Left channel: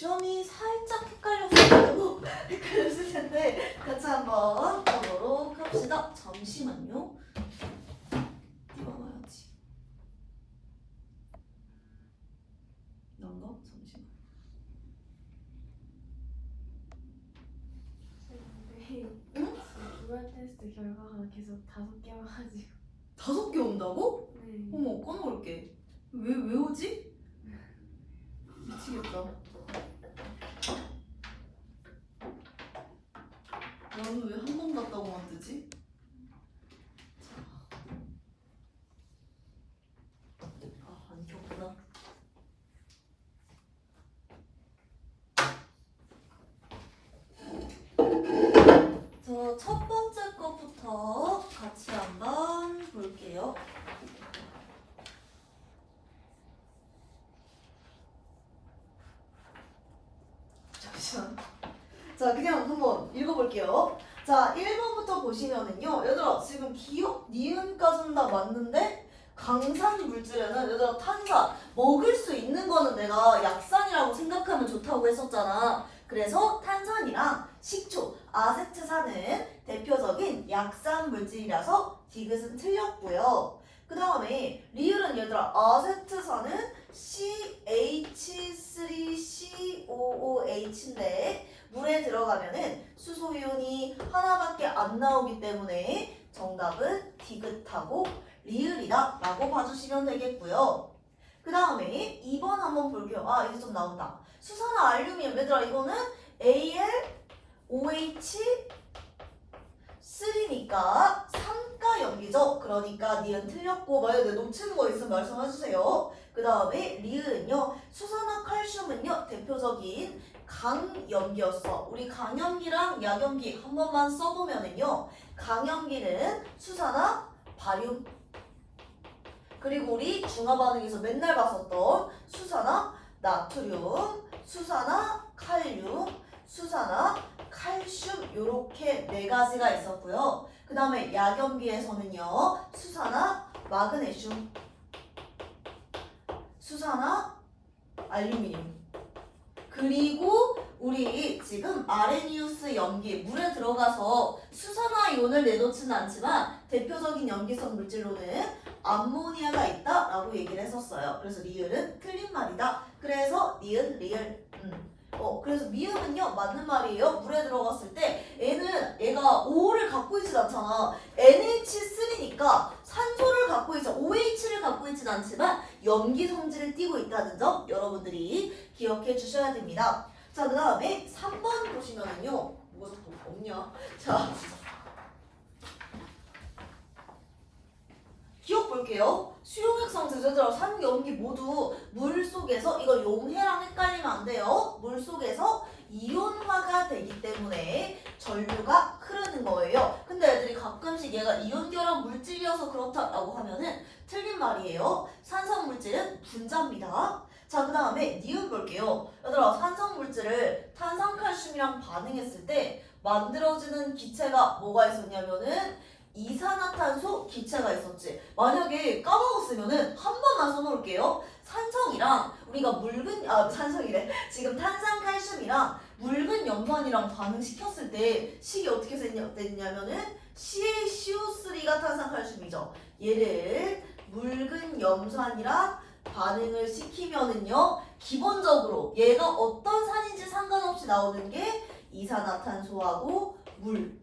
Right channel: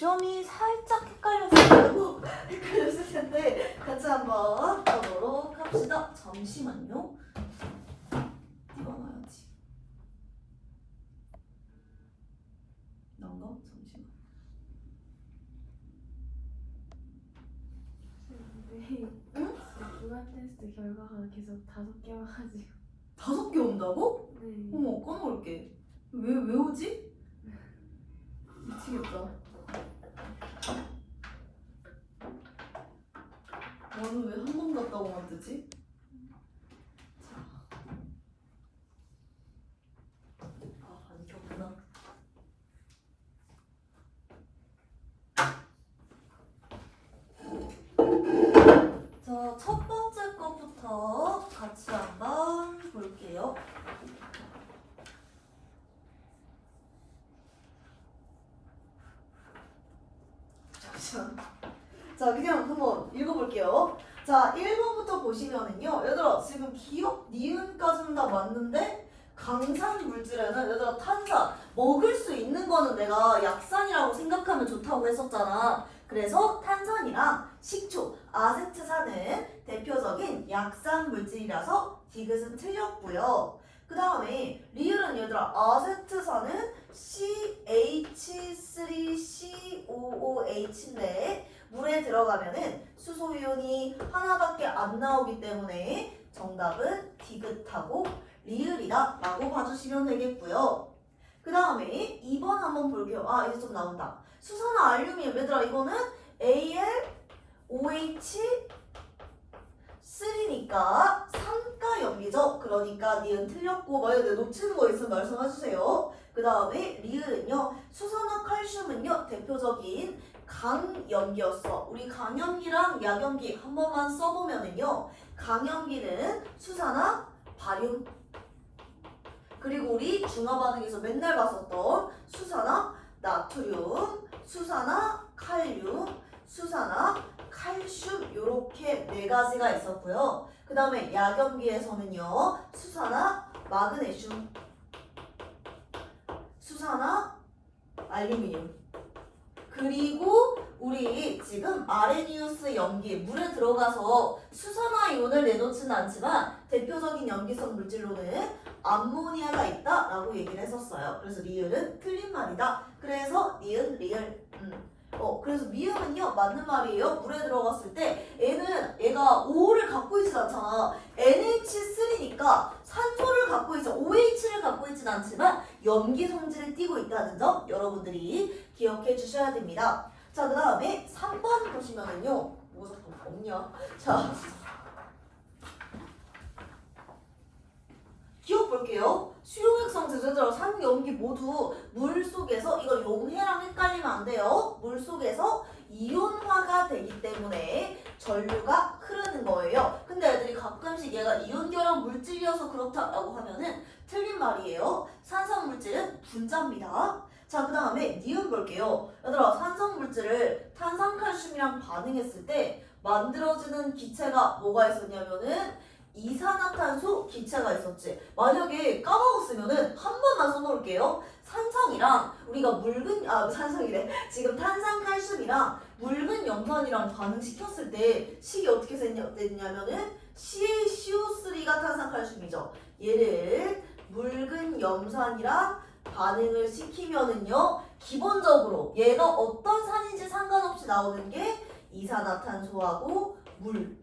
점이 살짝 헷갈렸을 텐데 같이 한번 가보도록 합시다. 잠시만요. 띄워놔야지. 난가? 잠시만. 응? 주간 테스트 결과가 계속 5개 와가지고. 5개 온다고? 네. 어머, 까먹을게. 왜 오지? 미치겠다. 나는 왜 한 번 갔다고만 뜨지? 안 켰구나. 첫 번째 것부터 같이 한번 볼게요. 잠시만. 자, 그냥 한번 읽어볼게요. 자, 1번부터 보시면은요. 얘들아, 지금 기억, 니은까지는 다 맞는데 강산 물질에는 얘들아 탄산, 먹을 수 있는 거는 내가 약산이라고 생각하면 좋다고 했었잖아. 그래서 탄산이랑 식초, 아세트산은 대표적인 약산 물질이라서 디귿은 틀렸고요. 그 다음에 리을은 얘들아 아세트산은 CH3COOH인데 물에 들어가면은 수소이온이 하나밖에 안 나오기 때문에 정답은 디귿하고 리을이다 라고 봐주시면 되겠고요. 그 다음에 2번 한번 볼게요. 아, 이제 좀 나온다. 수산화 알루미늄. 얘들아 이거는 AlOH3니까 삼가 염기죠. 그러니까 니은 틀렸고 만약에 놓치는 거 있으면 말씀해주세요. 그 다음에 리을은요. 수산화 칼슘은요. 대표적인 강염기였어. 우리 강염기랑 약염기 한 번만 써보면은요. 강염기는 수산화 바륨, 그리고 우리 중화 반응에서 맨날 봤었던 수산화 나트륨, 수산화 칼륨, 수산화 칼슘 요렇게 4가지가 있었고요. 그 다음에 약염기에서는요. 수산화 마그네슘, 수산화 알루미늄, 그리고 우리 지금 아레니우스 염기 물에 들어가서 수산화 이온을 내놓지는 않지만 대표적인 염기성 물질로는 암모니아가 있다라고 얘기를 했었어요. 그래서 리을은 틀린 말이다. 그래서 니은 리을. 그래서 미음은요 맞는 말이에요. 물에 들어갔을 때 얘가 O를 갖고 있진 않잖아. NH3니까 산소를 갖고 있어. OH를 갖고 있진 않지만 염기 성질을 띠고 있다는 점 여러분들이 기억해 주셔야 됩니다. 자, 그 다음에 3번 보시면은요. 뭐가 없냐? 자, 기억 볼게요. 수용액성 제재들어 산, 염기 모두 물 속에서, 이거 용해랑 헷갈리면 안 돼요. 물 속에서 이온화가 되기 때문에 전류가 흐르는 거예요. 근데 애들이 가끔씩 얘가 이온결합 물질이어서 그렇다라고 하면은 틀린 말이에요. 산성 물질은 분자입니다. 자, 그 다음에 니은 볼게요. 얘들아, 산성 물질을 탄산칼슘이랑 반응했을 때 만들어지는 기체가 뭐가 있었냐면은 이산화탄소 기체가 있었지. 만약에 까먹었으면은 한 번만 써놓을게요. 산성이랑 우리가 산성이래. 지금 탄산칼슘이랑 묽은 염산이랑 반응시켰을 때 식이 어떻게 됐냐면은 CaCO3가 탄산칼슘이죠. 얘를 묽은 염산이랑 반응을 시키면은요. 기본적으로 얘가 어떤 산인지 상관없이 나오는 게 이산화탄소하고 물.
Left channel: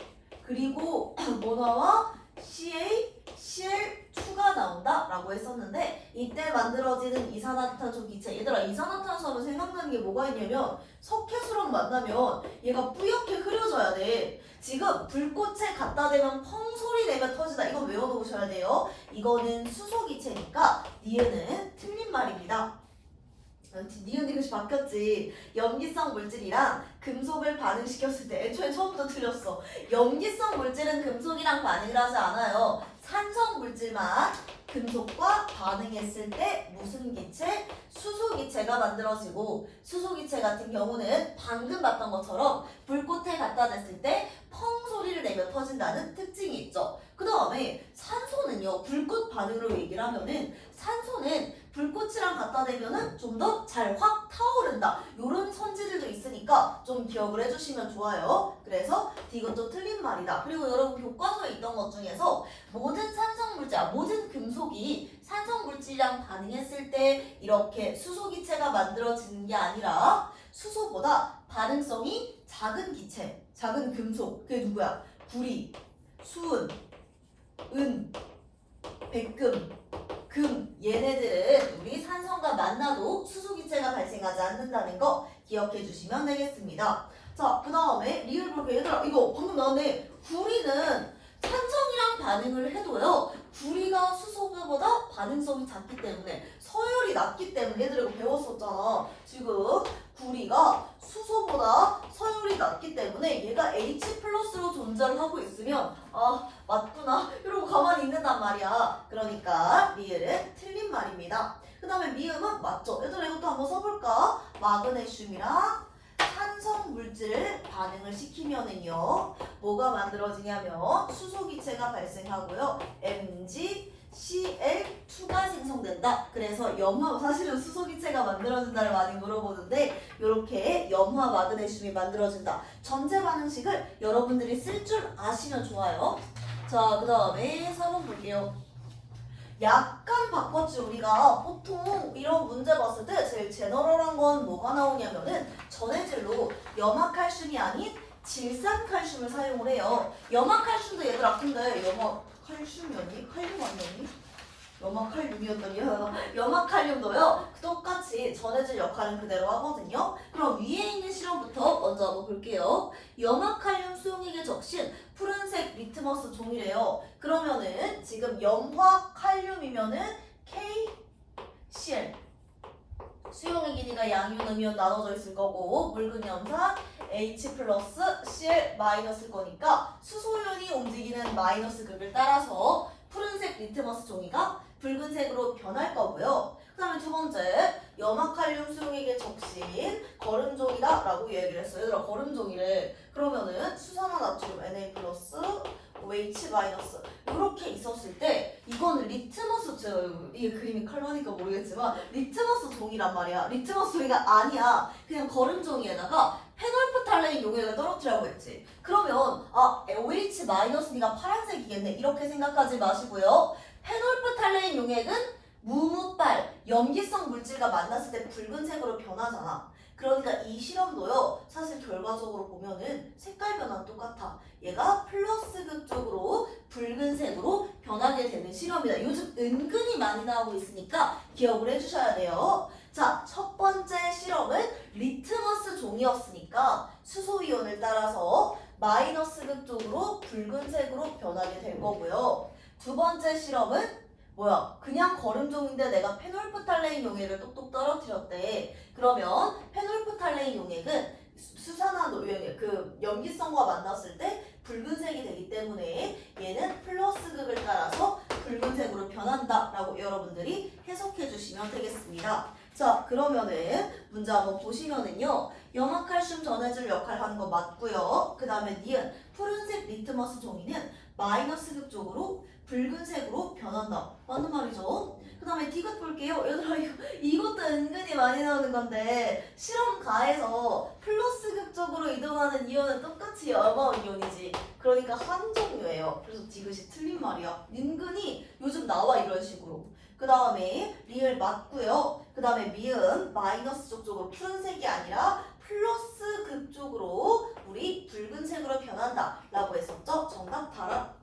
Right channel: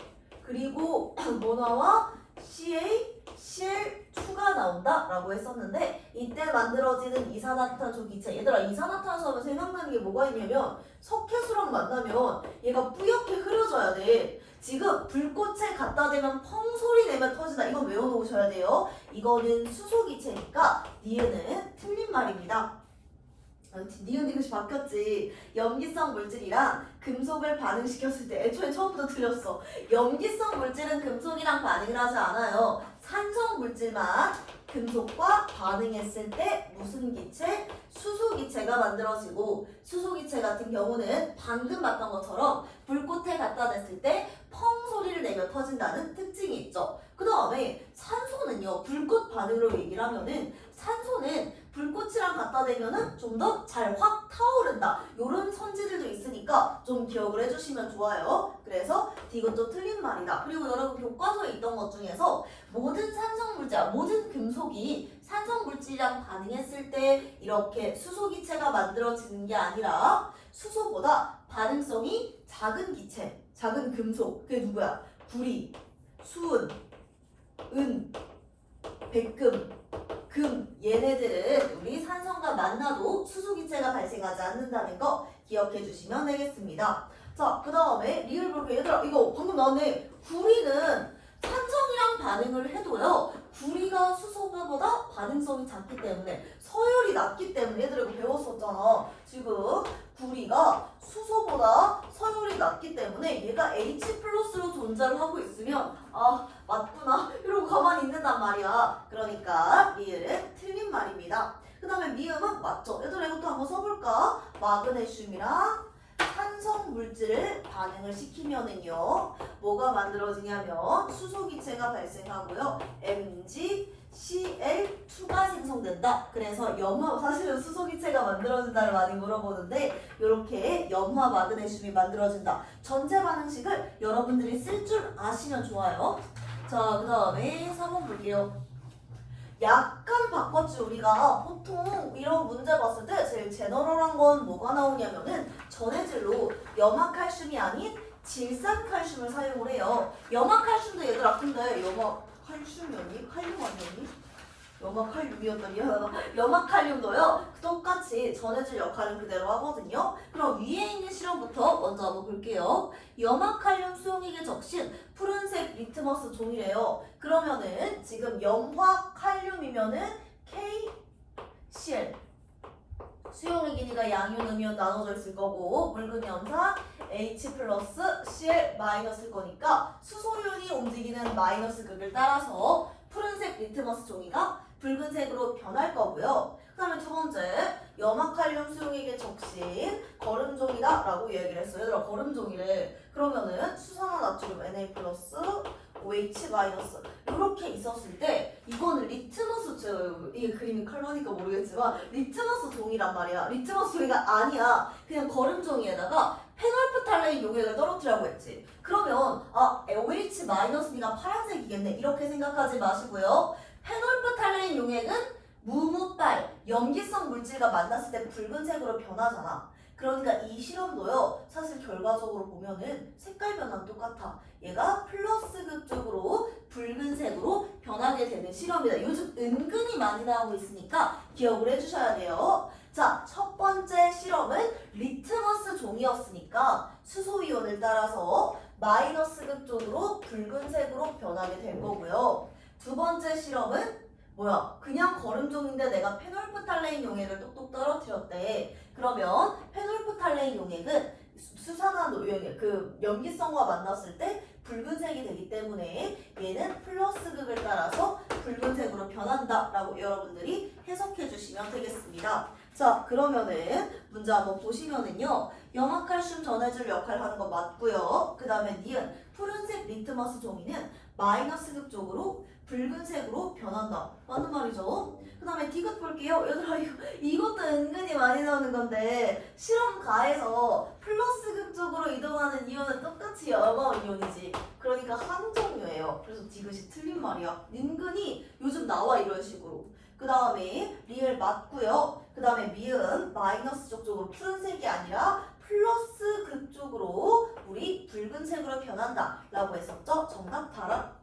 그리고 뭐 나와? CaCl2가 나온다라고 했었는데 이때 만들어지는 이산화탄소 기체. 얘들아 이산화탄소 하면 생각나는 게 뭐가 있냐면 석회수랑 만나면 얘가 뿌옇게 흐려져야 돼. 지금 불꽃에 갖다 대면 펑 소리 내면 터진다. 이건 외워놓으셔야 돼요. 이거는 수소 기체니까 니은은 틀린 말입니다. 니은 디귿이 바뀌었지. 염기성 물질이랑 금속을 반응시켰을 때 애초에 처음부터 틀렸어. 염기성 물질은 금속이랑 반응을 하지 않아요. 산성 물질만 금속과 반응했을 때 무슨 기체? 수소 기체가 만들어지고 수소 기체 같은 경우는 방금 봤던 것처럼 불꽃에 갖다 댔을 때 펑 소리를 내며 터진다는 특징이 있죠. 그 다음에 산소는요. 불꽃 반응으로 얘기를 하면은 산소는 불꽃이랑 갖다 대면은 좀 더 잘 확 타오른다. 이런 선지들도 있으니까 좀 기억을 해주시면 좋아요. 그래서 이것도 틀린 말이다. 그리고 여러분 교과서에 있던 것 중에서 모든 산성물질, 모든 금속이 산성물질이랑 반응했을 때 이렇게 수소기체가 만들어지는 게 아니라 수소보다 반응성이 작은 기체, 작은 금속, 그게 누구야? 구리, 수은, 은, 백금, 금, 얘네들은 우리 산성과 만나도 수소기체가 발생하지 않는다는 거 기억해 주시면 되겠습니다. 자, 그 다음에 리을 볼게요. 얘들아, 이거 방금 나왔네. 구리는 산성이랑 반응을 해도요, 구리가 수소보다 반응성이 작기 때문에, 서열이 낮기 때문에, 얘들 이거 배웠었잖아. 지금 구리가 수소보다 서열이 낮기 때문에 얘가 H 플러스로 존재를 하고 있으면 아 맞구나 이러고 가만히 있는단 말이야. 그러니까 리을은 틀린 말입니다. 그 다음에 미음은 맞죠. 얘들아 이것도 한번 써볼까? 마그네슘이랑 산성 물질을 반응을 시키면은요 뭐가 만들어지냐면 수소기체가 발생하고요 MgCl2가 생성된다. 그래서 염화, 사실은 수소기체가 만들어진다를 많이 물어보는데 이렇게 염화 마그네슘이 만들어진다. 전체 반응식을 여러분들이 쓸 줄 아시면 좋아요. 자, 그 다음에 4번 볼게요. 약간 바꿨지. 우리가 보통 이런 문제 봤을 때 제일 제너럴한 건 뭐가 나오냐면은 전해질로 염화칼슘이 아닌 질산칼슘을 사용을 해요. 염화칼슘도 얘들아 근데 염화칼슘이었니? 칼륨 아니었니? 염화칼륨이었더니 염화칼륨도요 똑같이 전해질 역할은 그대로 하거든요. 그럼 위에 있는 실험부터 먼저 한번 볼게요. 염화칼륨 수용액에 적신 푸른색 리트머스 종이래요. 그러면은 지금 염화칼륨이면은 KCl 수용의 길이가 양이온 음이온 나눠져 있을 거고 묽은 염산 H 플러스 Cl 마이너스일 거니까 수소연이 움직이는 마이너스 극을 따라서 푸른색 리트머스 종이가 붉은색으로 변할 거고요. 그 다음에 두 번째, 염화칼륨 수용액에 적신 거름종이다 라고 얘기를 했어요. 얘들아 거름종이래. 그러면은 수산화 나트륨 Na 플러스 OH 마이너스 이렇게 있었을 때 이거는 리트머스 이게 그림이 칼라니까 모르겠지만 리트머스 종이란 말이야. 리트머스 종이가 아니야. 그냥 거름종이에다가 페놀프탈레인 용액을 떨어뜨리라고 했지. 그러면 OH 마이너스니까 파란색이겠네. 이렇게 생각하지 마시고요. 페놀프탈레인 용액은 무무빨, 염기성 물질과 만났을 때 붉은색으로 변하잖아. 그러니까 이 실험도요. 사실 결과적으로 보면은 색깔 변화는 똑같아. 얘가 플러스 극 쪽으로 붉은색으로 변하게 되는 실험이다. 요즘 은근히 많이 나오고 있으니까 기억을 해주셔야 돼요. 자, 첫 번째 실험은 리트머스 종이었으니까 수소이온을 따라서 마이너스 극 쪽으로 붉은색으로 변하게 될 거고요. 두 번째 실험은 뭐야? 그냥 거름종인데 내가 페놀프탈레인 용액을 똑똑 떨어뜨렸대. 그러면 페놀프탈레인 용액은 수산화 용액, 그 염기성과 만났을 때 붉은색이 되기 때문에 얘는 플러스 극을 따라서 붉은색으로 변한다라고 여러분들이 해석해 주시면 되겠습니다. 자, 그러면은 문제 한번 보시면은요. 염화칼슘 전해줄 역할 하는 거 맞고요. 그 다음에 니은 푸른색 리트머스 종이는 마이너스 극 쪽으로 붉은색으로 변한다. 맞는 말이죠. 그 다음에 디귿 볼게요. 얘들아 이것도 은근히 많이 나오는 건데 실험가에서 플러스 극 쪽으로 이동하는 이온은 똑같이 염화 이온이지. 그러니까 한 종류예요. 그래서 디귿이 틀린 말이야. 은근히 요즘 나와 이런 식으로. 그 다음에 리을 맞고요. 그 다음에 미은 마이너스 쪽으로 푸른색이 아니라 플러스 극 쪽으로 우리 붉은색으로 변한다 라고 했었죠. 정답 달아.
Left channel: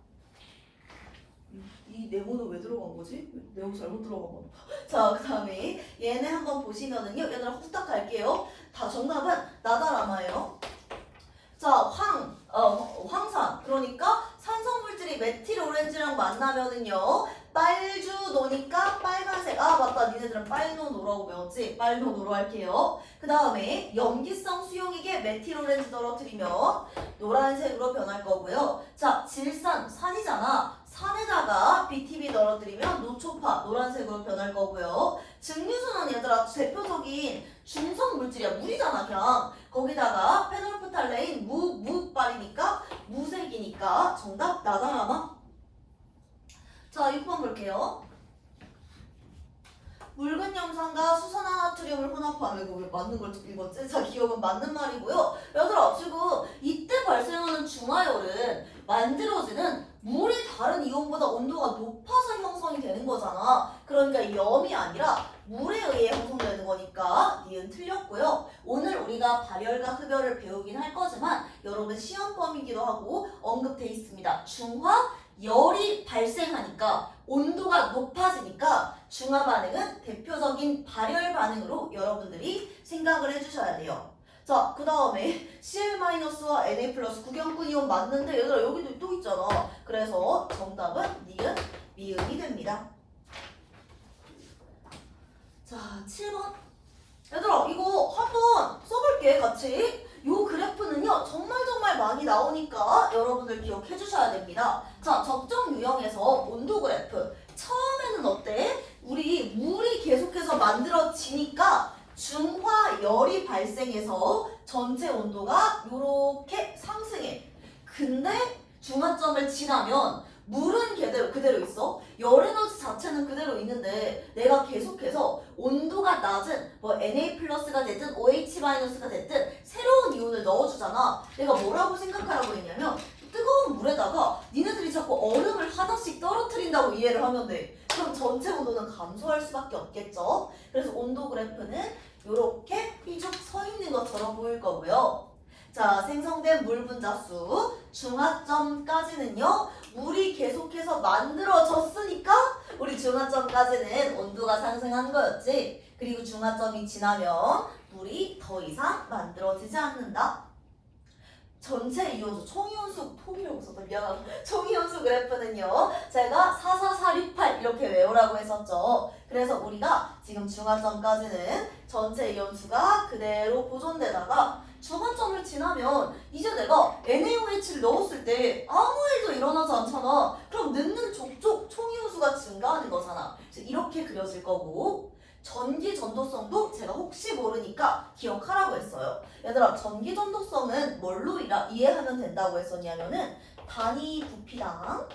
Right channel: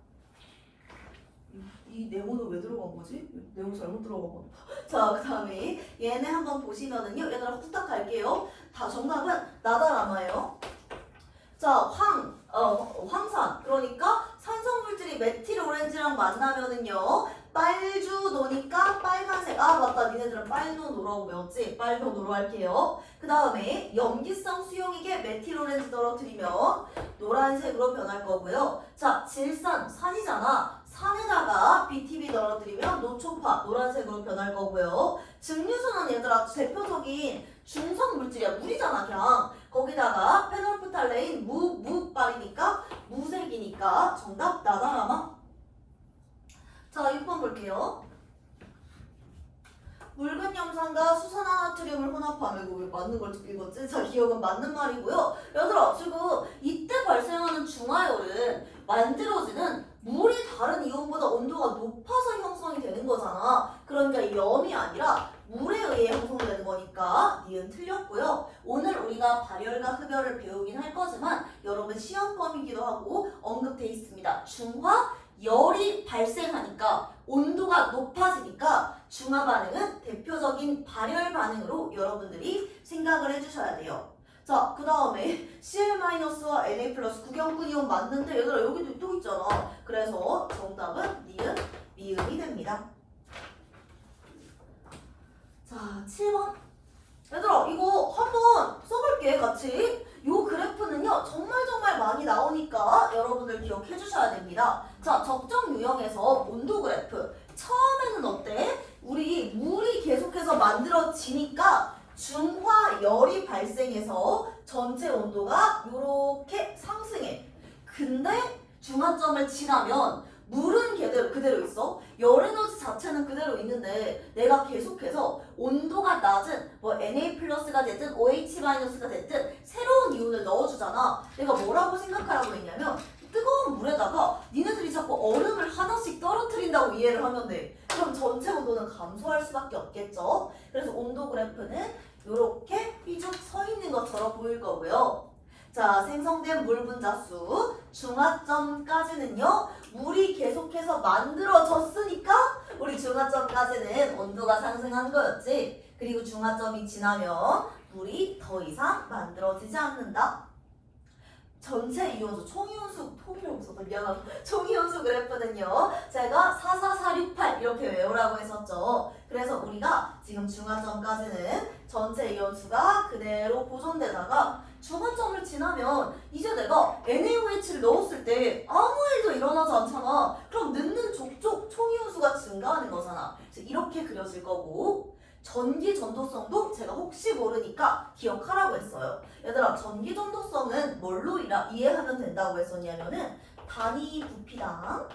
이 네모는 왜 들어간 거지? 네모 잘못 들어간 거. 자, 그 다음에 얘네 한번 보시면은요. 얘들아 후딱 갈게요. 다 정답은 나다라마예요. 자, 황산. 그러니까 산성물질이 메틸 오렌지랑 만나면은요. 빨주노니까 빨간색. 아, 맞다. 니네들은 빨노노라고 배웠지? 빨노노로 할게요. 그 다음에 염기성 수용액에 메틸 오렌지 떨어뜨리면 노란색으로 변할 거고요. 자, 질산, 산이잖아. 산에다가 BTB 떨어뜨리면 노초파, 노란색으로 변할 거고요. 증류수는 얘들아 대표적인 중성 물질이야. 물이잖아 그냥. 거기다가 페놀프탈레인 무빨이니까 무색이니까 정답 나다라마. 자, 6번 볼게요. 묽은 염산과 수산화나트륨을 혼합하면 이거 왜 맞는 걸 읽었지? 자, 기억은 맞는 말이고요. 얘들아, 지금 이때 발생하는 중화열은 만들어지는 물이 다른 이온보다 온도가 높아서 형성이 되는 거잖아. 그러니까 이 염이 아니라 물에 의해 형성되는 거니까 니은 틀렸고요. 오늘 우리가 발열과 흡열을 배우긴 할 거지만 여러분 시험범이기도 하고 언급돼 있습니다. 중화열이 발생하니까 온도가 높아지니까 중화 반응은 대표적인 발열 반응으로 여러분들이 생각을 해주셔야 돼요. 자, 그 다음에 Cl-와 Na+, 구경꾼 이온 맞는데 얘들아 여기도 또 있잖아. 그래서 정답은 니은, 미음이 됩니다. 자, 7번. 얘들아 이거 한번 써볼게 같이. 요 그래프는요 정말 많이 나오니까 여러분들 기억해 주셔야 됩니다. 자, 적정 유형에서 온도 그래프. 처음에는 어때? 우리 물이 계속해서 만들어지니까 중화열이 발생해서 전체 온도가 요렇게 상승해. 근데 중화점을 지나면 물은 그대로 있어. 열 에너지 자체는 그대로 있는데 내가 계속해서 온도가 낮은 뭐 Na+가 됐든 OH-가 됐든 새로운 이온을 넣어주잖아. 내가 뭐라고 생각하라고 했냐면 뜨거운 물에다가 니네들이 자꾸 얼음을 하나씩 떨어뜨린다고 이해를 하면 돼. 그럼 전체 온도는 감소할 수밖에 없겠죠. 그래서 온도 그래프는 이렇게 삐죽 서 있는 것처럼 보일 거고요. 자, 생성된 물 분자수 중화점까지는요 물이 계속해서 만들어졌으니까 우리 중화점까지는 온도가 상승하는 거였지. 그리고 중화점이 지나면 물이 더 이상 만들어지지 않는다. 전체 이온수, 총이온수, 총이온수 그래프는요 제가 44468 이렇게 외우라고 했었죠. 그래서 우리가 지금 중화점까지는 전체 이온수가 그대로 보존되다가 중화점을 지나면 이제 내가 NaOH를 넣었을 때 아무 일도 일어나지 않잖아. 그럼 넣는 족족 총이온수가 증가하는 거잖아. 그래서 이렇게 그려질 거고 전기 전도성도 제가 혹시 모르니까 기억하라고 했어요. 얘들아, 전기 전도성은 뭘로 이해하면 된다고 했었냐면은 단위 부피당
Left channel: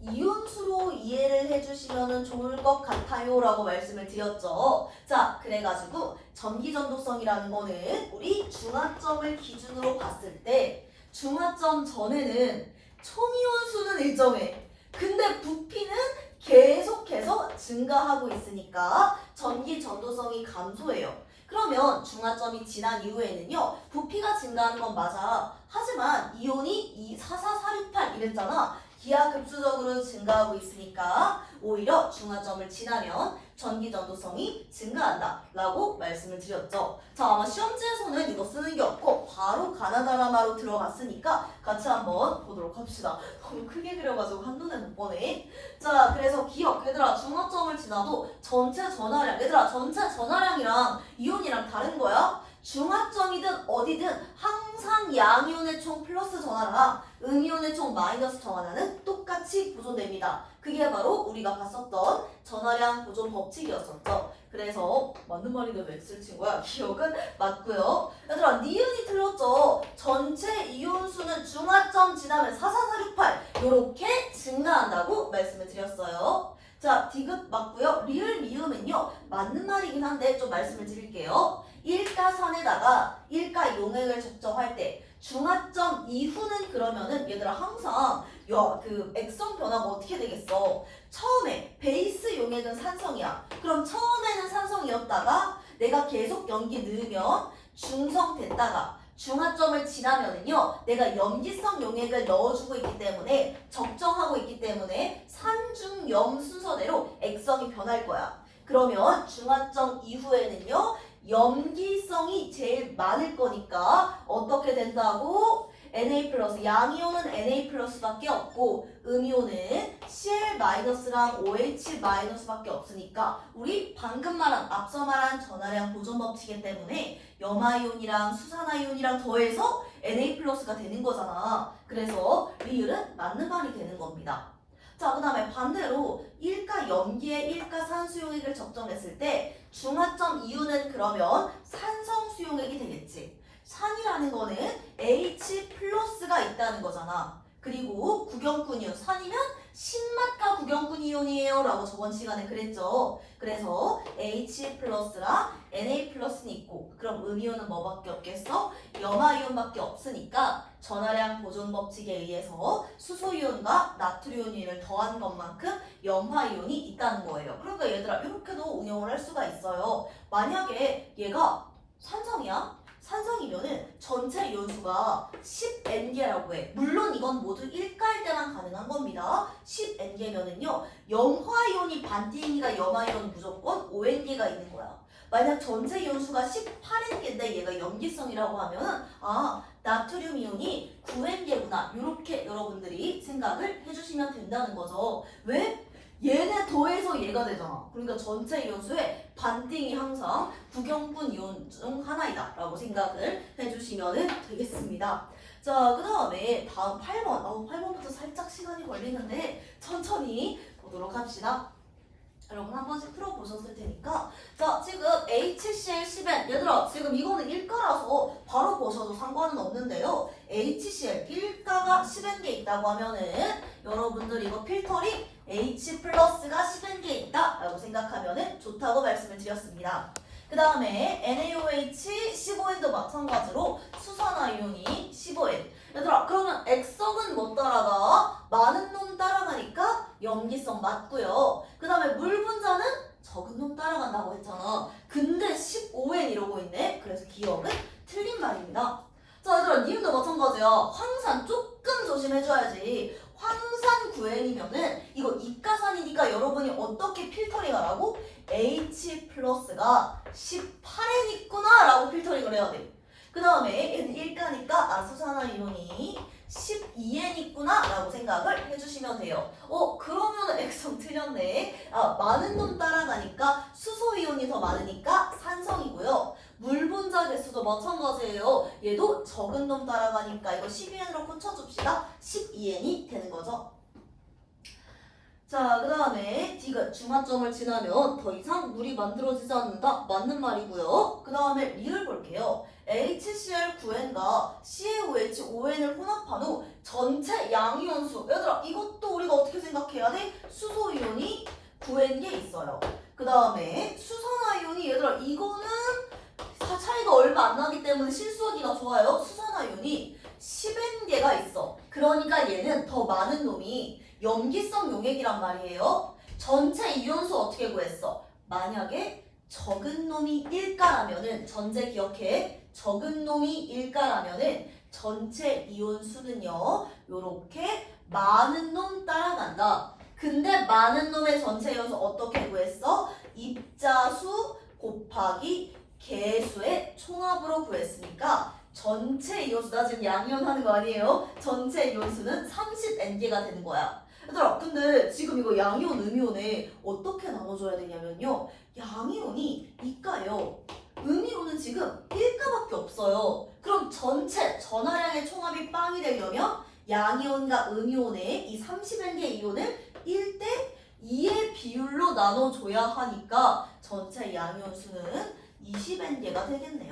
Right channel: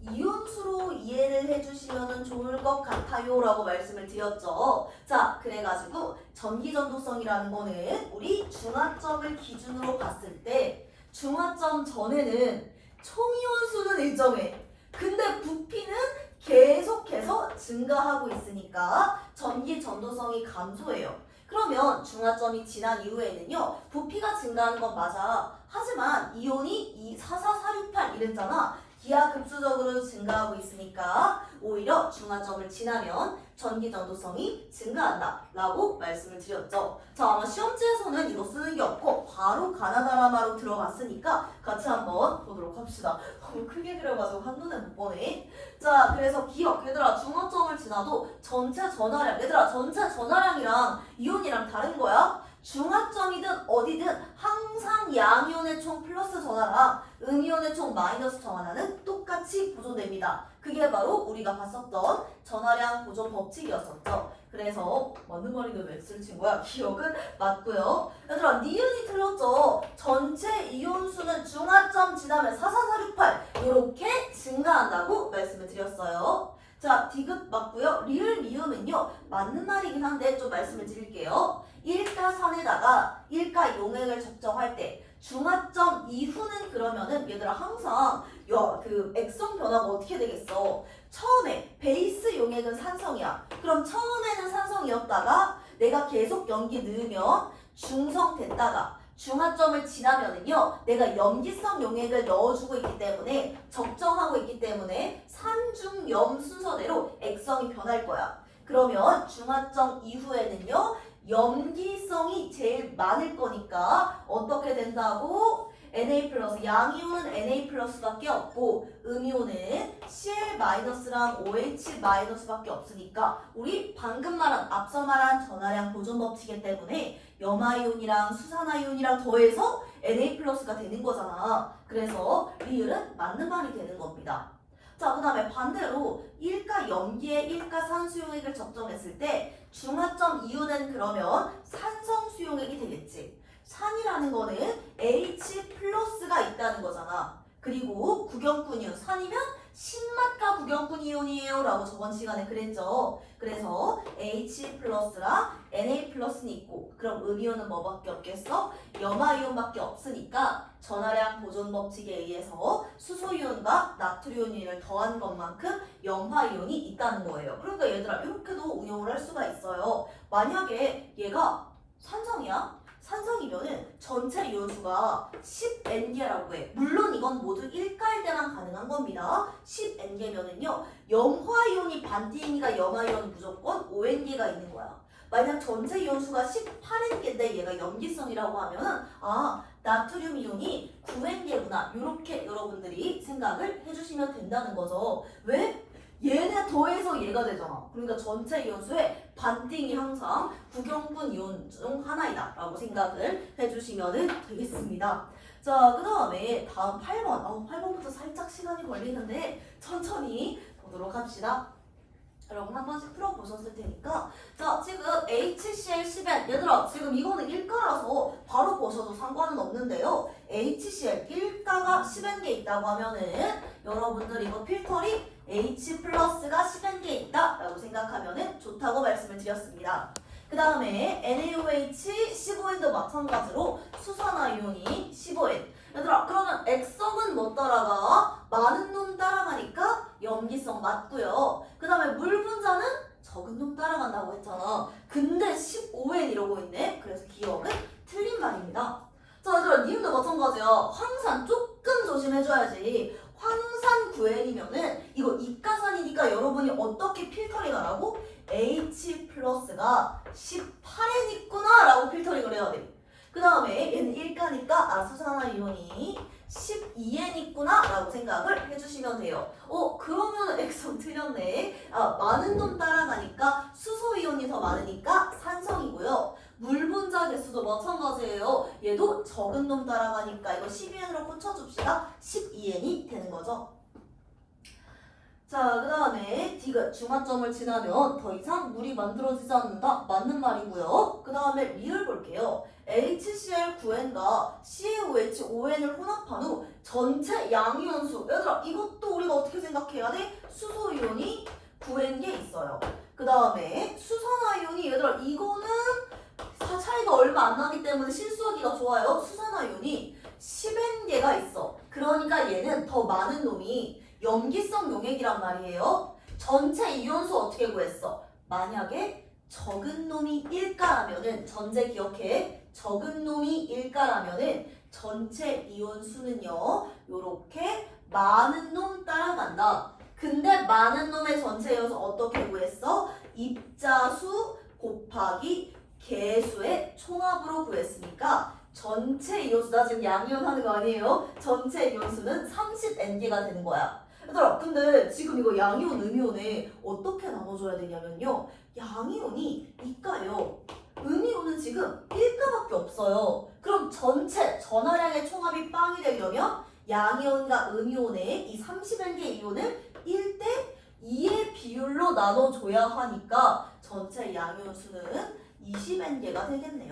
이온수로 이해를 해주시면 좋을 것 같아요 라고 말씀을 드렸죠. 자, 그래가지고 전기전도성이라는 거는 우리 중화점을 기준으로 봤을 때 중화점 전에는 총이온수는 일정해. 근데 부피는 계속해서 증가하고 있으니까 전기전도성이 감소해요. 그러면 중화점이 지난 이후에는요 부피가 증가하는 건 맞아. 하지만 이온이 44468 이랬잖아. 기하급수적으로 증가하고 있으니까 오히려 중화점을 지나면 전기전도성이 증가한다 라고 말씀을 드렸죠. 자, 아마 시험지에서는 이거 쓰는 게 없고 바로 가나다라마로 들어갔으니까 같이 한번 보도록 합시다. 너무 크게 그려가지고 한눈에 못 보네. 자, 그래서 기억 얘들아, 중화점을 지나도 전체 전하량, 얘들아 전체 전하량이랑 이온이랑 다른 거야. 중화점이든 어디든 항상 양이온의 총 플러스 전하랑 음이온의 총 마이너스 전하량은 똑같이 보존됩니다. 그게 바로 우리가 봤었던 전하량 보존 법칙이었었죠. 그래서 맞는 말인데 X를 친 거야. 기억은 맞고요. 얘들아, 니은이 틀렸죠. 전체 이온수는 중화점 지나면 44468 이렇게 증가한다고 말씀을 드렸어요. 자, 디귿 맞고요. 리을 미음은요 맞는 말이긴 한데 좀 말씀을 드릴게요. 일가산에다가 일가 용액을 적정할 때 중화점 이후는 그러면은 얘들아 항상 그 액성 변화가 어떻게 되겠어? 처음에 베이스 용액은 산성이야. 그럼 처음에는 산성이었다가 내가 계속 염기 넣으면 중성됐다가 중화점을 지나면은요 내가 염기성 용액을 넣어주고 있기 때문에 적정하고 있기 때문에 산중염 순서대로 액성이 변할 거야. 그러면 중화점 이후에는요 염기성이 제일 많을 거니까 어떻게 된다고? Na+, 양이온은 Na+밖에 없고 음이온은 Cl-랑 OH-밖에 없으니까 우리 방금 말한 앞서 말한 전하량 보존 법칙이기 때문에 염화이온이랑 수산화이온이랑 더해서 Na+가 되는 거잖아. 그래서 리을은 맞는 말이 되는 겁니다. 자, 그 다음에 반대로 일가 염기에 일가 산수용액을 적정했을 때 중화점 이유는 그러면 산성 수용액이 되겠지. 산이라는 거는 H+가 있다는 거잖아. 그리고 구경꾼 이온, 산이면 신맛과 구경꾼 이온 수소이온이에요 라고 저번 시간에 그랬죠. 그래서 H 플러스랑 Na 플러스는 있고 그럼 음이온은 뭐밖에 없겠어? 염화이온밖에 없으니까 전하량 보존 법칙에 의해서 수소이온과 나트륨이온을 더한 것만큼 염화이온이 있다는 거예요. 그러니까 얘들아 이렇게도 응용을 할 수가 있어요. 만약에 얘가 산성이야? 산성이면은 전체 이온수가 10N개라고 해. 물론 이건 모두 1가일 때만 가능한 겁니다. 10N개면은요. 염화이온이 반띵이니까 염화이온은 무조건 5N개가 있는 거야. 만약 전체 이온수가 18N개인데 얘가 염기성이라고 하면은 나트륨 이온이 9N개구나. 이렇게 여러분들이 생각을 해주시면 된다는 거죠. 왜? 얘네 더해서 얘가 되잖아. 그러니까 전체 이온수의 반띵이 항상 구경분 이온 중 하나이다 라고 생각을 해주시면 되겠습니다. 자, 그 다음에 다음 8번. 8번부터 살짝 시간이 걸리는데 천천히 보도록 합시다. 여러분 한 번씩 풀어보셨을 테니까 자 지금 HCl10N 얘들아 지금 이거는 1가라서 바로 보셔도 상관은 없는데요. HCl 1가가 10N개 있다고 하면은 여러분들 이거 필터링 H 플러스가 10N개 있다 라고 생각하면 좋다고 말씀을 드렸습니다. 그 다음에 NaOH 15N도 마찬가지로 수산화이온이 15N. 얘들아 그러면 액성은 못 따라가? 많은 놈 따라가니까 염기성 맞고요. 그 다음에 물 분자는 적은 놈 따라간다고 했잖아. 근데 15N 이러고 있네. 그래서 기억은 틀린 말입니다. 자 얘들아 니은도 마찬가지야. 황산 조금 조심해줘야지. 황산 9N이면은 이거 이가산이니까 여러분이 어떻게 필터링 하라고? H 플러스가 18N 있구나 라고 필터링을 해야 돼. 그 다음에 얘는 1가니까 수산화이온이 12N 있구나 라고 생각을 해주시면 돼요. 그러면 액성 틀렸네. 많은 놈 따라가니까 수소이온이 더 많으니까 산성이고요. 물 분자 개수도 마찬가지예요. 얘도 적은 놈 따라가니까 이거 12N으로 고쳐줍시다. 12N이 되는 거죠. 자, 그 다음에 디귿 중화점을 지나면 더 이상 물이 만들어지지 않는다. 맞는 말이고요. 그 다음에 리을 볼게요. HCl9N과 CaOH5N을 혼합한 후 전체 양이온수. 얘들아 이것도 우리가 어떻게 생각해야 돼? 수소이온이 9N개 있어요. 그 다음에 수산화이온이 얘들아 이거는 차이가 얼마 안 나기 때문에 실수하기가 좋아요. 수산화이온이 10N개가 있어. 그러니까 얘는 더 많은 놈이 염기성 용액이란 말이에요. 전체 이온수 어떻게 구했어? 만약에 적은 놈이 1가라면은 전제 기억해. 적은 놈이 1가라면은 전체 이온수는요. 요렇게 많은 놈 따라간다. 근데 많은 놈의 전체 이온수 어떻게 구했어? 입자수 곱하기 개수의 총합으로 구했으니까 전체 이온수 나 지금 양이온 하는 거 아니에요? 전체 이온수는 30N개가 되는 거야. 얘들아 근데 지금 이거 양이온 음이온에 어떻게 나눠줘야 되냐면요. 양이온이 2가요. 음이온은 지금 1가밖에 없어요. 그럼 전체 전하량의 총합이 빵이 되려면 양이온과 음이온의 이 30N개 이온을 1대 2의 비율로 나눠줘야 하니까 전체 양이온 수는 20N개가 되겠네요.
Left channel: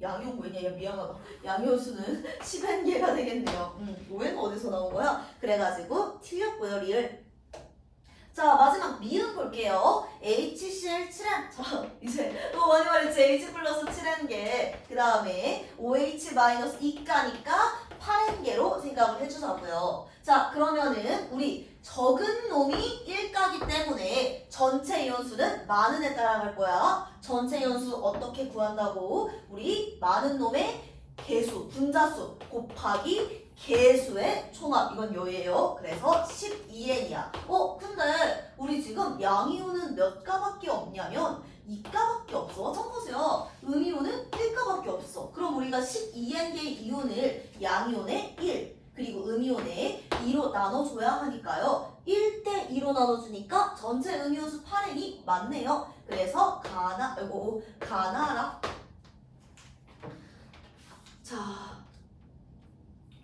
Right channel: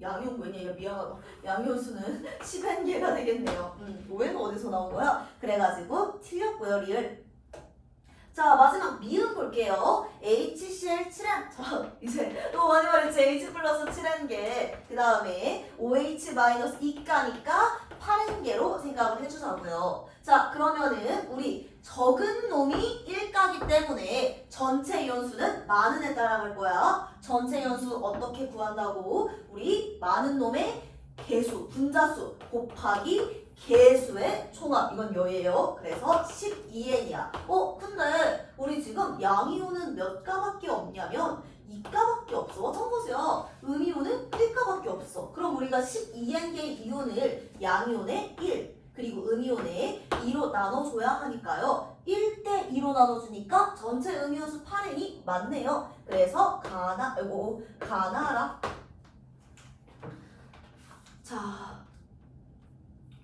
양이온 뭐냐? 미안하다. 양이온 수는 10N개가 되겠네요. 오해는 어디서 나온 거야? 그래가지고 틀렸고요. 리을. 자 마지막 미음 볼게요. HCl7N. 자 이제 너무 많이 말했지. H 플러스 7N개. 그 다음에 OH 마이너스 2가니까 8N개로 생각을 해주자고요. 자 그러면은 우리 적은 놈이 1가기 때문에 전체 이온수는 많은 애 따라갈 거야. 전체 이온수 어떻게 구한다고? 우리 많은 놈의 개수, 분자수 곱하기 개수의 총합. 이건 여예요. 그래서 12N이야. 근데 우리 지금 양이온은 몇 가밖에 없냐면 2가밖에 없어. 마찬가지야. 음이온은 1가밖에 없어. 그럼 우리가 12N개의 이온을 양이온의 1 그리고 음이온의 2로 나눠줘야 하니까요. 1대 2로 나눠주니까 전체 음이온수 8N이 맞네요. 그래서 가나라. 자,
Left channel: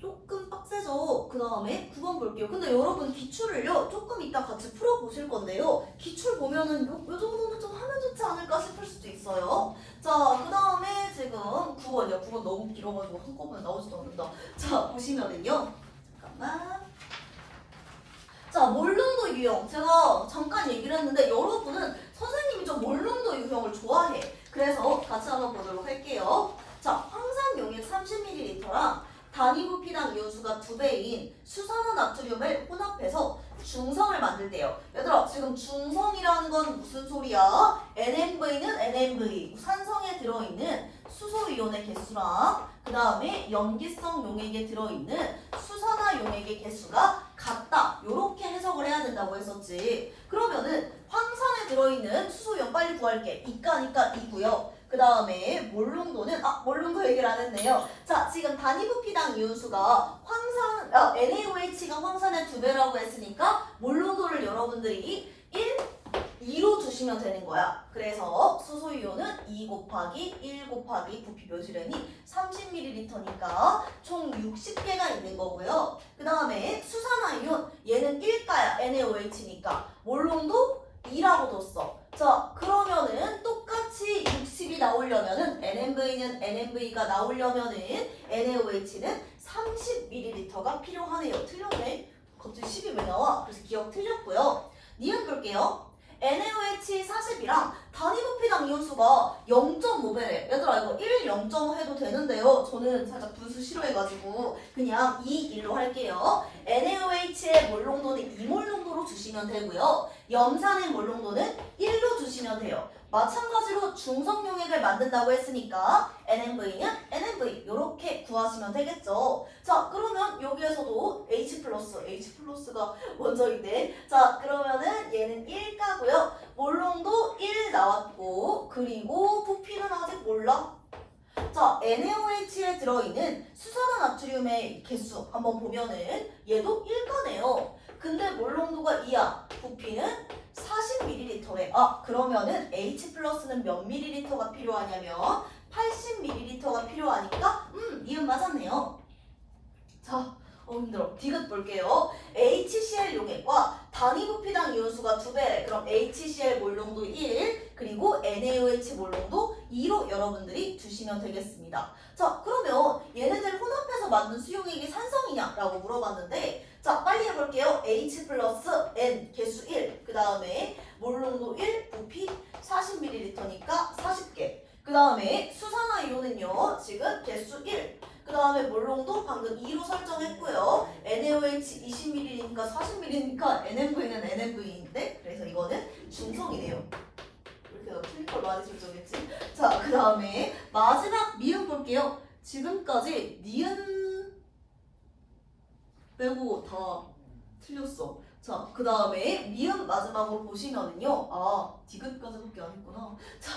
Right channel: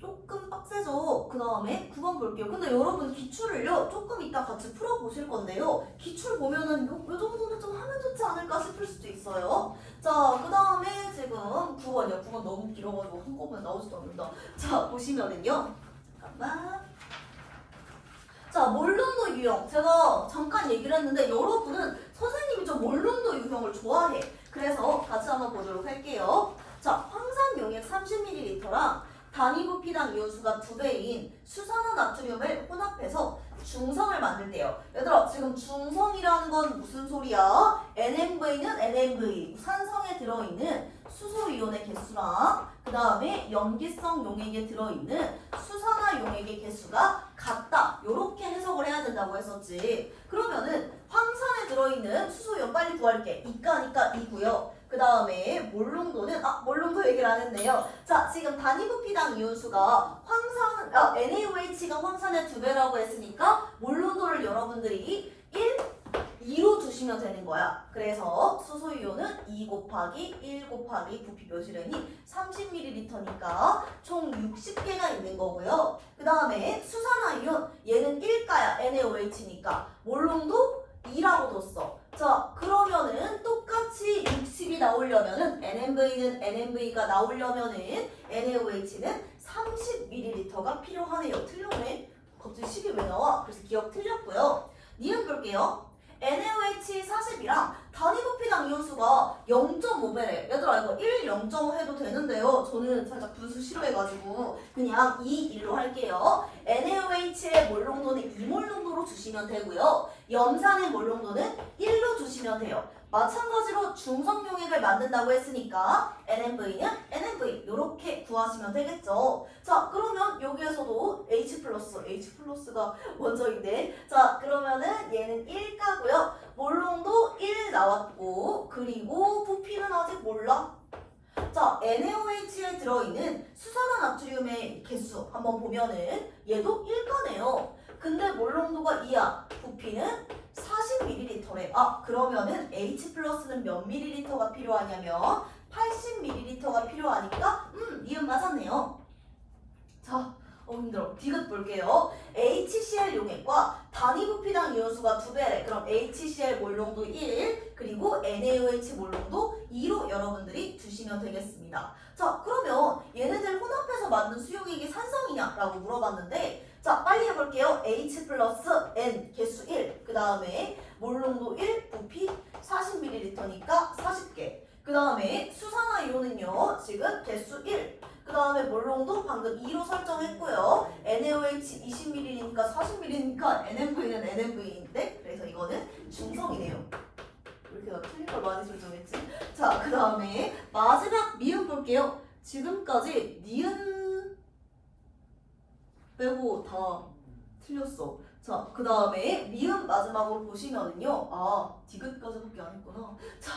조금 빡세죠? 그 다음에 9번 볼게요. 근데 여러분 기출을요 조금 이따 같이 풀어보실 건데요. 기출 보면은 요 정도는 좀 하면 좋지 않을까 싶을 수도 있어요. 자, 그 다음에 지금 9번이요. 9번 너무 길어가지고 한꺼번에 나오지도 않는다. 자, 보시면은요. 잠깐만. 자, 몰롱도 유형. 제가 잠깐 얘기를 했는데 여러분은 선생님이 좀 몰롱도 유형을 좋아해. 그래서 같이 한번 보도록 할게요. 자, 황산 용액 30ml랑 단위 부피당 이온수가 2배인 수산화 나트륨을 혼합해서 중성을 만들대요. 얘들아, 지금 중성이라는 건 무슨 소리야? NMV는 NMV, 산성에 들어있는 수소이온의 개수랑 그 다음에 염기성 용액에 들어있는 수산화 용액의 개수가 같다. 요렇게 해석을 해야 된다고 했었지. 그러면은 황산에 들어있는 수소이온 빨리 구할게. 이가니까 이고요. 그 다음에 몰롱도는 몰롱도 얘기를 안 했네요. 자, 지금 단위 부피당 이온수가 NaOH가 황산의 2배라고 했으니까 몰롱도를 여러분들이 2로 두시면 되는 거야. 그래서 수소이온은 2 곱하기 1 곱하기 부피 몇이래니 30ml니까 총 60개가 있는 거고요. 그 다음에 수산화이온 얘는 1가야. NaOH니까 몰롱도 2라고 뒀어. 자, 그러면은 똑같이 60이 나오려면은 NMV는 NMV가 나오려면은 NaOH는 30ml가 필요하네요. 틀렸네. 갑자기 10이 왜 나와? 그래서 기억 틀렸고요. 니은 끌게요. NaOH 40이랑 단위 부피당 이온수가 0.5배래. 얘들아 이거 1, 0.5 해도 되는데요. 저는 살짝 분수 싫어해가지고 그냥 2, 1로 할게요. NaOH의 몰롱도는 2몰 정도로 주시면 되고요. 염산의 몰롱도는 1로 주시면 돼요. 마찬가지로 중성용액을 만든다고 했으니까 NMV는 NMV 이렇게 구하시면 되겠죠. 자, 그러면 여기에서도 H가 먼저인데 자, 그러면은 얘는 1가고요. 몰롱도 1 나왔고 그리고 부피는 아직 몰라. 자, NaOH에 들어있는 수산화 나트륨의 개수 한번 보면은 얘도 1가네요. 근데 몰롱도가 2야. 부피는 40ml래. 그러면은 H+는 몇 ml가 필요하냐면 80ml가 필요하니까 니은 맞았네요. 자, 힘들어. 디귿 볼게요. HCl 용액과 단위 부피당 이온수가 2배래. 그럼 HCl 몰롱도 1, 그리고 NaOH 몰롱도 2로 여러분들이 주시면 되겠습니다. 자, 그러면 얘네들 혼합해서 만든 수용액이 산성이냐라고 물어봤는데 자, 빨리 해볼게요. H 플러스 N 개수 1, 그 다음에 몰롱도 1, 부피 40ml니까 40개. 그 다음에 수산화 이온은요, 지금 개수 1, 그 다음에 몰롱도 방금 2로 설정했고요. NaOH 20ml니까 40ml니까 NMV는 NMV인데 그래서 이거는 중성이네요. 이렇게 나 틀린 걸 많이 설정했지. 자, 그 다음에 마지막 미음 볼게요. 지금까지 니은 빼고 다 틀렸어. 자, 그 다음에 미음 마지막으로 보시면은요. 디귿까지밖에 안 했구나. 자,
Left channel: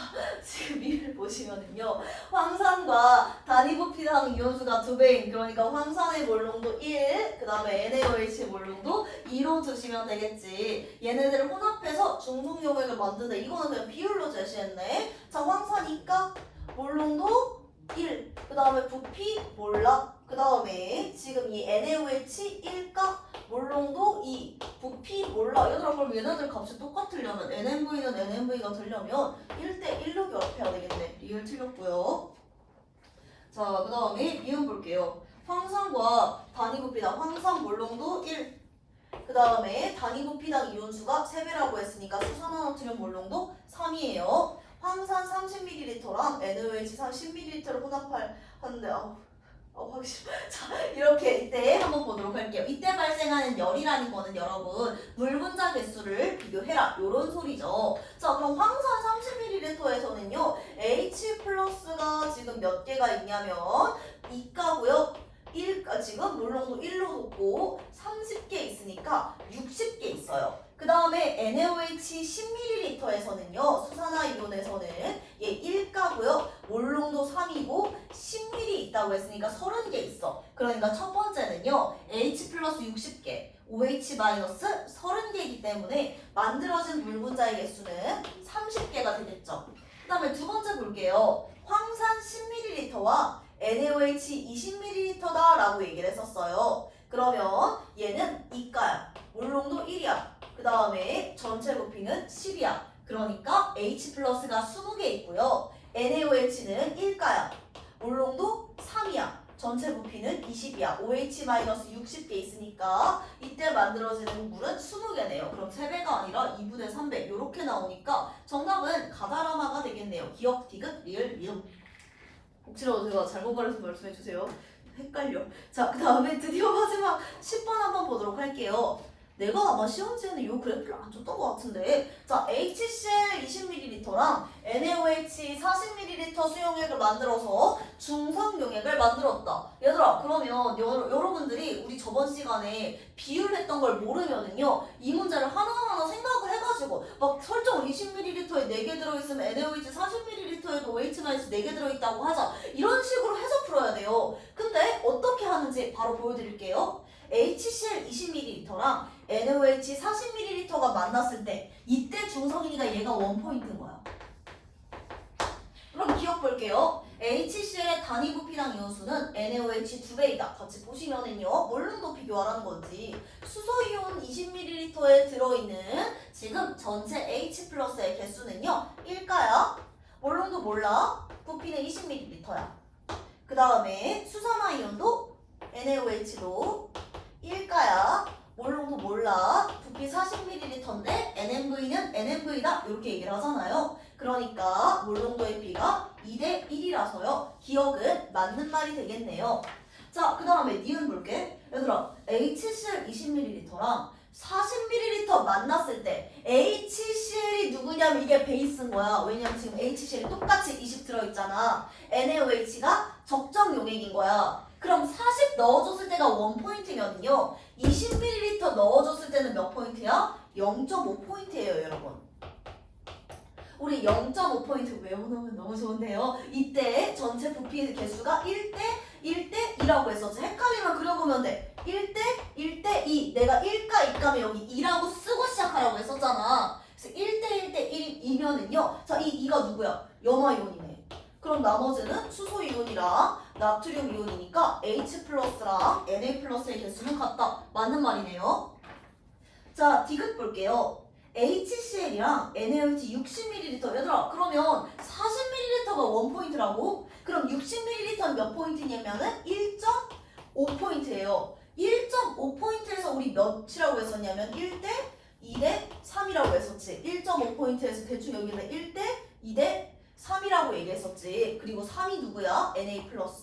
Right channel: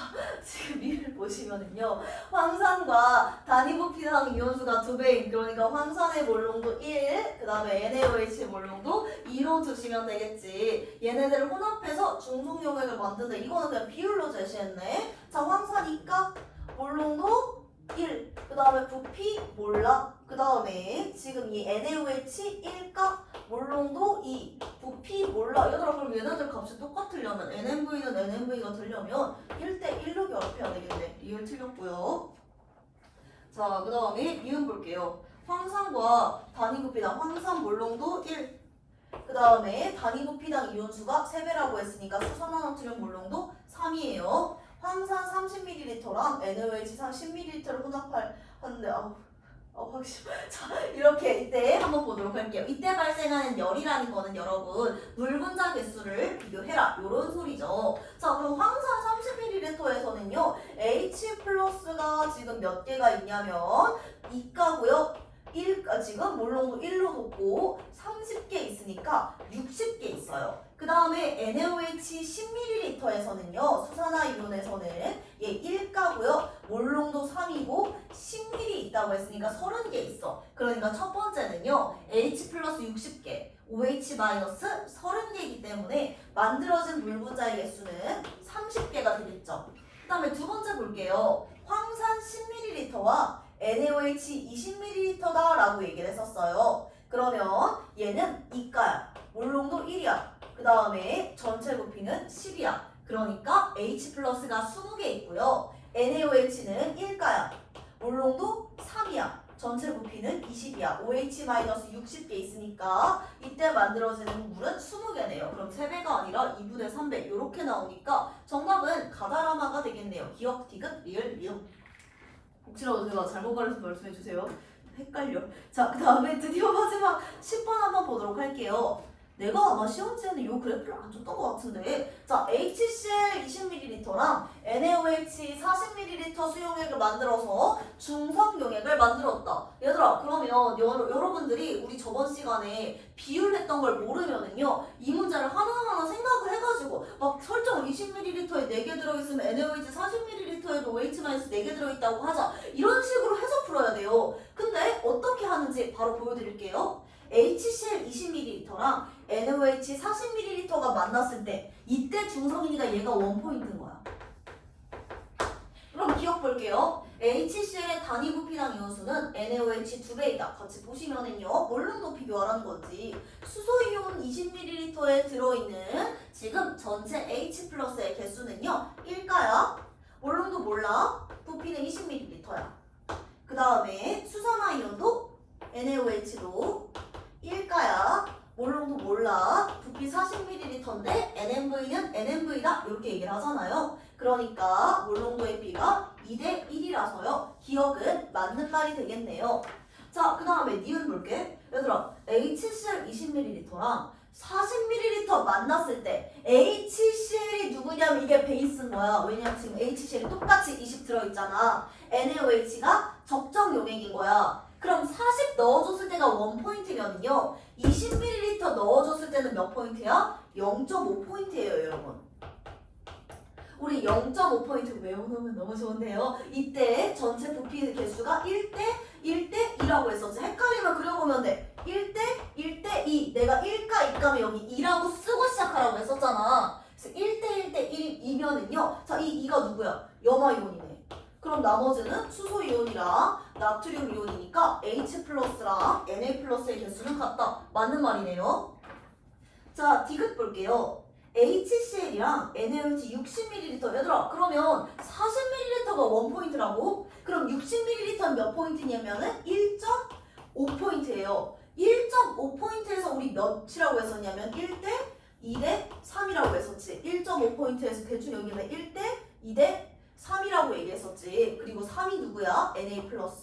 지금 미음 보시면은요. 황산과 단위 부피당 이온수가 2배인 그러니까 황산의 몰롱도 1, 그 다음에 NaOH 몰롱도 2로 두시면 되겠지. 얘네들을 혼합해서 중성용액을 만든다. 이거는 그냥 비율로 제시했네. 자, 황산 2가 몰롱도 1, 그 다음에 부피 몰라. 그 다음에 지금 이 NaOH 1가 몰롱도 2, 부피 몰라. 얘들아 그럼 얘네들 값이 똑같으려면 NMV는 NMV가 되려면 1대1로 결합해야 되겠네. 리을 틀렸고요. 자, 그 다음에 미음 볼게요. 황산과 단위 부피당 황산 몰롱도 1, 그 다음에 단위 부피당 이온수가 3배라고 했으니까 수산화나트륨 몰롱도 3이에요. 황산 30ml랑 NaOH 30ml를 혼합하는데 확실히. 자, 이렇게 이때 한번 보도록 할게요. 이때 발생하는 열이라는 거는 여러분 물 분자 개수를 비교해라 요런 소리죠. 자, 그럼 황산 30ml에서는요 H+가 지금 몇 개가 있냐면 2가고요. 지금 몰롱도 1로 놓고 30개 있으니까 60개 있어요. 그 다음에 NaOH 10ml에서는요 수산화 이온에서는 얘 1가고요. 몰롱도 3이고 10ml 있다고 했으니까 30개 있어. 그러니까 첫 번째는요 H 플러스 60개, OH 마이너스 30개이기 때문에 만들어진 물 분자의 개수는 30개가 되겠죠. 그 다음에 두 번째 볼게요. 황산 10ml와 NaOH 20ml다 라고 얘기를 했었어요. 그러면 얘는 2가야. 몰롱도 1이야. 그 다음에 전체 부피는 10이야. 그러니까 H+가 20개 있고요. NaOH는 1가야. 몰롱도 3이야. 전체 부피는 20이야. OH-60개 있으니까 이때 만들어지는 물은 20개네요. 그럼 3배가 아니라 2분의 3배 이렇게 나오니까 정답은 가다라마가 되겠네요. 기억, 디귿, 리을, 미음. 혹시라도 제가 잘못 말해서 말씀해주세요. 헷갈려. 자, 그 다음에 드디어 마지막 10번 한번 보도록 할게요. 내가 아마 시험지에는 이 그래프를 안 줬던 것 같은데, 자, HCl 20ml랑 NaOH 40ml 수용액을 만들어서 중성 용액을 만들었다. 얘들아, 그러면 여러분들이 우리 저번 시간에 비율했던 걸 모르면은요, 이 문제를 하나하나 생각을 해가지고 막 설정 20ml에 4개 들어있으면 NaOH 40ml에도 OH-4개 들어있다고 하자. 이런 식으로 해서 풀어야 돼요. 근데 어떻게 하는지 바로 보여드릴게요. HCl 20ml랑 NaOH 40ml가 만났을 때 이때 중성이니까 얘가 원포인트인 거야. 그럼 기억 볼게요. HCl의 단위 부피당 이온수는 NaOH 2배이다. 같이 보시면은요. 몰룸도 비교하라는 거지. 수소이온 20ml에 들어있는 지금 전체 H 플러스의 개수는요. 1가야. 몰룸도 몰라. 부피는 20ml야. 그 다음에 수산화이온도 NaOH도 1가야. 몰롱도 몰라. 부피 40ml인데 NMV는 NMV다. 이렇게 얘기를 하잖아요. 그러니까 몰롱도의 B가 2대 1이라서요. 기억은 맞는 말이 되겠네요. 자, 그 다음에 니은 볼게. 얘들아, HCl 20ml랑 40ml 만났을 때 HCl이 누구냐면 이게 베이스인 거야. 왜냐면 지금 HCl이 똑같이 20 들어있잖아. NaOH가 적정 용액인 거야. 그럼 40 넣어줬을 때가 원포인트면요. 20ml 넣어줬을 때는 몇 포인트야? 0.5포인트예요, 여러분. 우리 0.5포인트 외워놓으면 너무 좋은데요. 이때 전체 부피 개수가 1대 1대 2라고 했었지. 헷갈리면 그려보면 돼. 1대 1대 2. 내가 1가 2가면 여기 2라고 쓰고 시작하라고 했었잖아. 그래서 1대 1대 1이면은요. 자, 이 2가 누구야? 염화이온이네. 그럼 나머지는 수소이온이랑 나트륨 이온이니까 H 플러스랑 Na 플러스의 개수는 같다. 맞는 말이네요. 자, 디귿 볼게요. HCl이랑 NaOH 60ml. 얘들아, 그러면 40ml가 원포인트라고? 그럼 60ml는 몇 포인트냐면은 1.5포인트예요. 1.5포인트에서 우리 몇이라고 했었냐면 1대 2대 3이라고 했었지. 1.5포인트에서 대충 여기는 1대 2대 3이라고 얘기했었지. 그리고 3이 누구야? Na 플러스.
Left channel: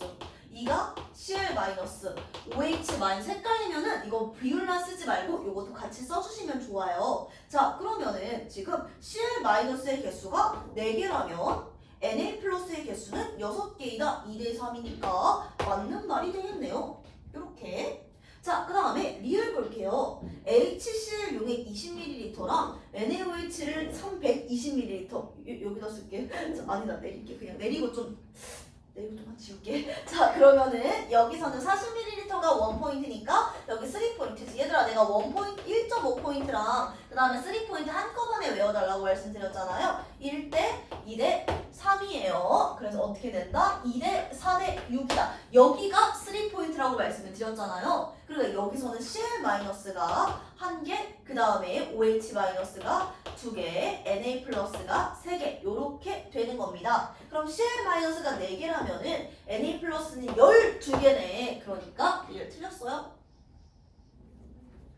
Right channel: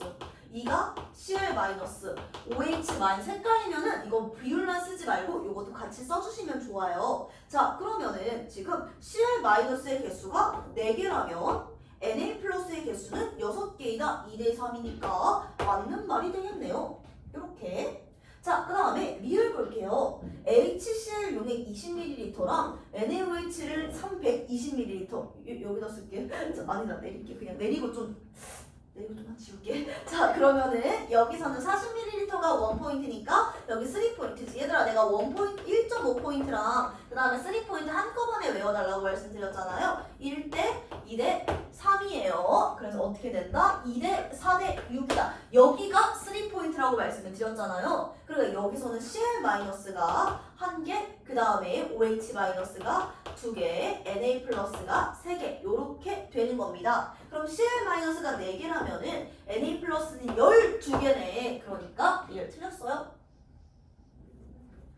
2가 Cl 마이너스. OH 마이너스. 헷갈리면은 이거 비율만 쓰지 말고 이것도 같이 써주시면 좋아요. 자, 그러면은 지금 Cl 마이너스의 개수가 4개라면 Na 플러스의 개수는 6개이다. 2대 3이니까 맞는 말이 되겠네요. 이렇게. 자, 그 다음에 리을 볼게요. HCl 용액 20ml랑 NaOH를 320ml. 여기다 쓸게. 아니다, 내릴게. 그냥 내리고 좀 지울게. 자, 그러면은 여기서는 40ml가 원포인트니까 여기 3포인트지. 얘들아, 내가 1.5포인트랑 그 다음에 3포인트 한꺼번에 외워달라고 말씀드렸잖아요. 1대 2대 3이에요. 그래서 어떻게 된다? 2대 4대 6이다. 여기가 3포인트라고 말씀을 드렸잖아요. 그리고 여기서는 Cl-가 1개, 그 다음에 OH-가 2개, Na+가 3개 이렇게 되는 겁니다. 그럼 Cl-가 4개라면은 Na+는 12개네. 그러니까 이게 틀렸어요.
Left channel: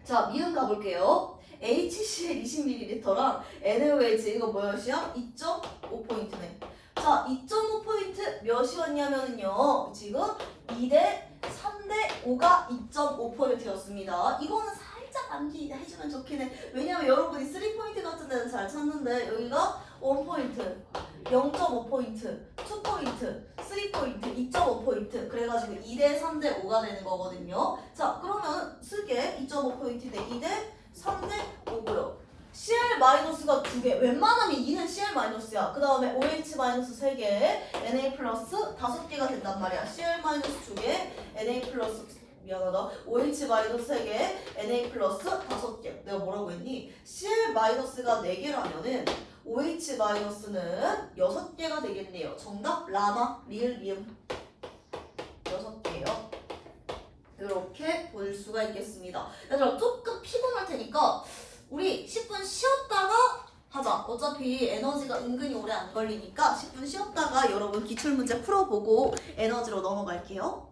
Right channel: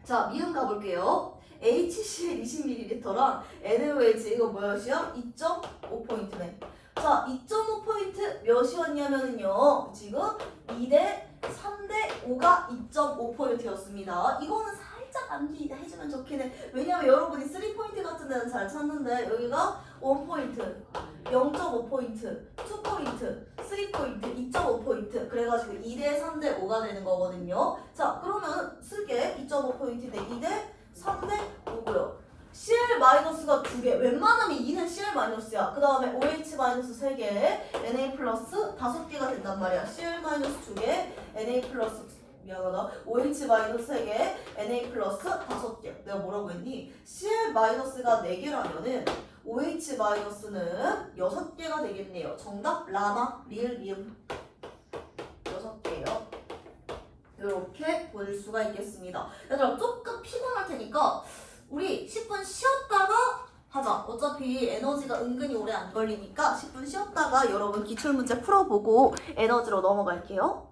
자, 미음 가볼게요. HCl 20ml랑 NaOH 이거 몇이야? 2.5포인트네. 자, 2.5포인트 몇이었냐면요. 지금 2대 3대 5가 2.5포인트였습니다. 이거는 살짝 암기해주면 좋긴 해. 왜냐면 여러분이 3포인트 같은 데는 잘 찾는데 여기가 1포인트, 0.5포인트, 2포인트, 3포인트, 2.5포인트 그래가지고 2대 3대 5가 되는 거거든요. 자, 그러면 쓸게. 2.5포인트 대 2대 3대 5고요. Cl-가 2개. 웬만하면 2는 Cl-야. 그 다음에 OH- 3개, Na 플러스 5개가 된단 말이야. Cl- 2개, Na 플러스 미안하다. OH- 3개, Na 플러스 5개. 내가 뭐라고 했니? Cl-가 4개라면은 OH-는 6개가 되겠네요. 정답 라마, 리을, 미음 6개요. 이렇게 볼 수가 있겠습니다. 얘들아, 조금 피곤할 테니까 우리 10분 쉬었다가 하자. 어차피 에너지가 은근히 오래 안 걸리니까 10분 쉬었다가 여러분 기출문제 풀어보고 에너지로 넘어갈게요.